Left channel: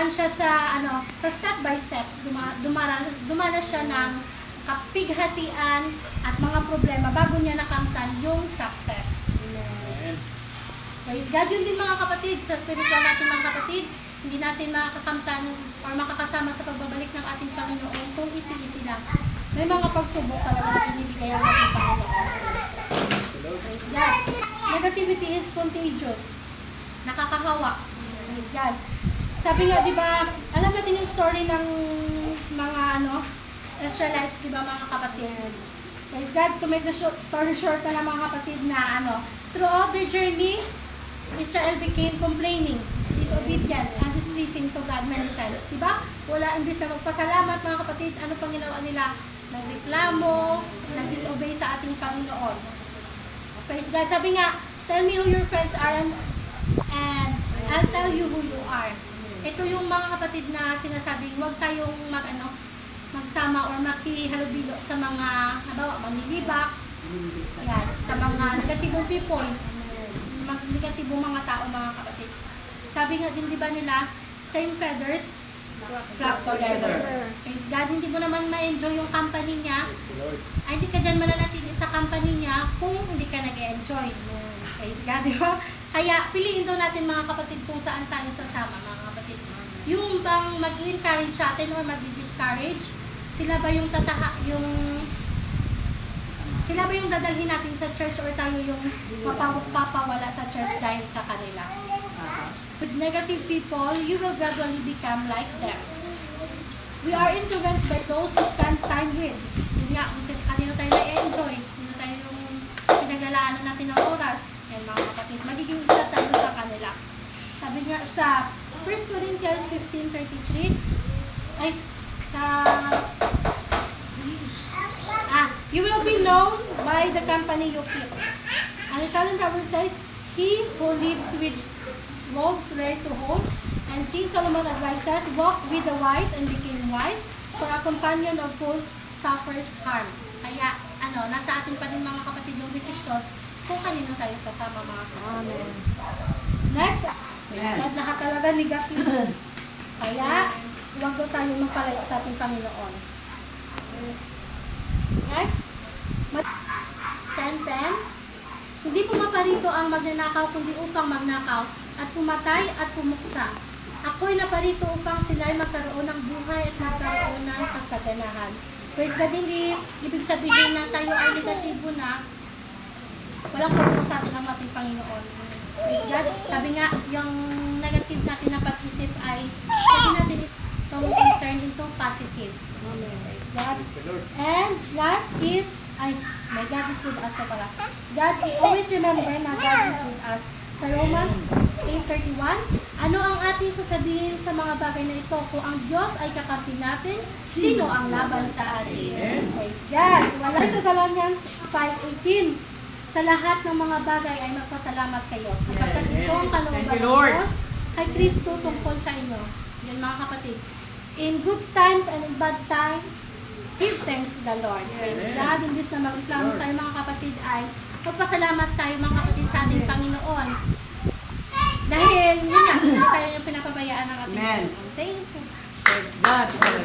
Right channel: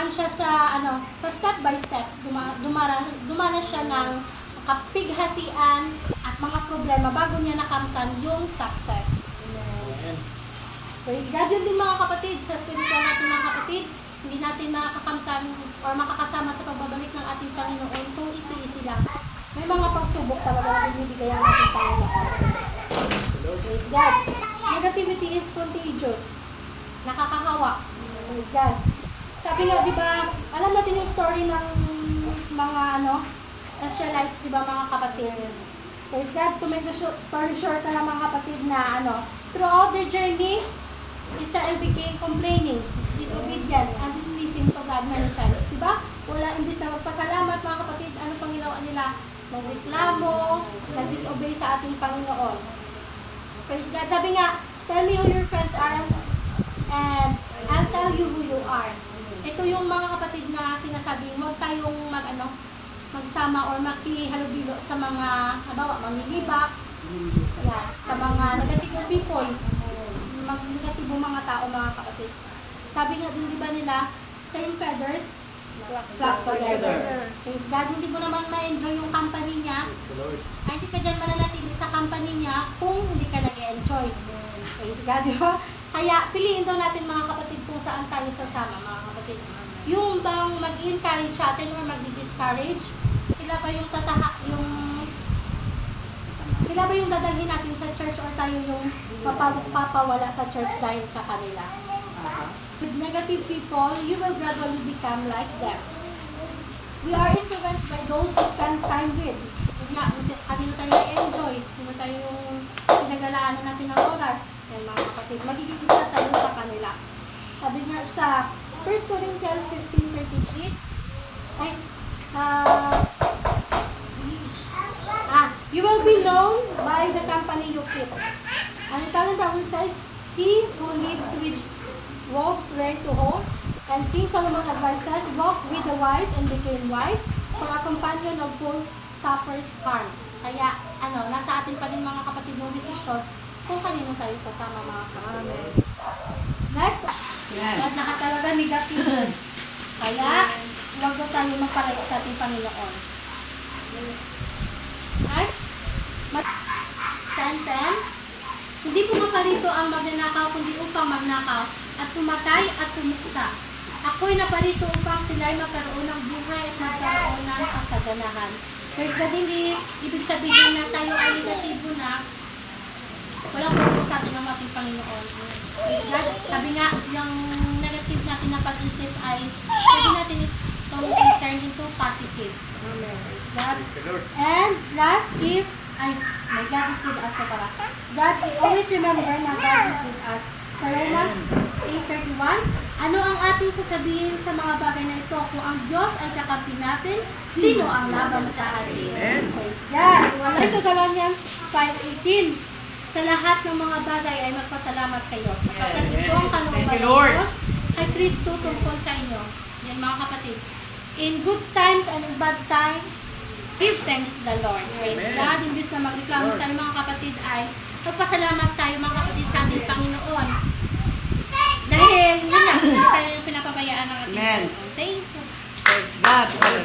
dumaan siya sa sa step by step. Dumana siya ng kapighatian at mga problema bago niya nakamtan yung success. Praise God. Yun din mga kapatid, sa spiritual natin mga kapatid, hindi natin makakakamtan or makakasama sa pagbabalik ng ating Panginoon kung isi-isi lang. May mga pagsubok talaga na binibigay ang ating Panginoon. Praise God. Negativity is contagious. Nakakahawa. Praise God. Sabi nga, di ba, alam natin yung story ng mga Israelites, di ba mga kapatid? Praise God. To make the story short na mga kapatid na throughout the journey, Israel became complaining, disobedient, and displeasing to God many times. Diba? Wala, imbis na magpasalamat mga kapatid, ano pang ginawa nila? Nagreklamo, nag-disobey sa ating Panginoon. Praise God. Sabi nga, tell me who your friends are and I'll tell you who you are. Ito yung mga kapatid na sinasabing, huwag tayong magsama or makihalubilo sa mga, halimbawa, manlilibak, yan, sa mga negative people, negatibong mga tao, mga kapatid. Sabi nga din, di ba nila, same feathers, flock together. Praise God, hindi mo naman ma-enjoy yung company niya, ay hindi ka dyan mananatili sa company niya kung hindi ka nag-enjoy. Praise God, di ba? Kaya, piliin daw natin mga kapatid kung saan tayo sasama, mga kapatid. Yung bang mag-encourage sa atin o mag-discourage, sila ba yung sila ba yung dadalhin natin sa church or tayo yung papawala sa church dahil sa kanila? With negative people, you will gradually become like them. We are influenced by those who spend time with. Yun nga, kanino tayo na-enjoy, kanino tayo yung pinaglalaanan natin ng oras. Yan mga kapatid, magiging isa tayo sa kanila. Sabi nga sa 1 Corinthians 15:33, you will be known by the company you keep. An Italian proverb says, he who lives with wolves rare to hold. And King Solomon advises, walk with the wise and became wise, for a companion of fools suffers harm. Kaya, nasa atin pa rin mga kapatid ng desisyon kung kanino tayo sasama mga kapatid. Next, lahat talaga negative. Kaya, huwag na tayo magpalayo sa ating Panginoon. Next, 10:10. Hindi pumaparito ang magnanakaw kundi upang magnakaw at pumatay at pumuksa. Ako'y naparito upang sila'y magkaroon ng buhay at magkaroon ng kasaganahan. Pero hindi ibig sabihin na tayo ay negatibo na walang purpose sa atin ang ating Panginoon. Sabi nga, yung negative natin na pag-isip ay sabi natin itong turn into positive. And last is, my God is with us na pala. God, we always remember na God is with us. Sa Romans 8:31, ano ang ating sasabihin sa mga bagay na ito? Kung ang Diyos ay kakampi natin, sino ang laban sa atin? Praise God. Wala sa Thessalonians 5:18. Sa lahat ng mga bagay ay magpasalamat kayo. Sapagkat ito ang kalooban ng Diyos kay Kristo tungkol sa inyo. Yan mga kapatid. In good times and in bad times, give thanks to the Lord. Praise God. Imbis na magreklamo tayo mga kapatid ay magpasalamat tayo mga kapatid sa ating Panginoon. Dahil yun na, tayo yung pinapabayaan ng ating Panginoon. Thank you. Praise God.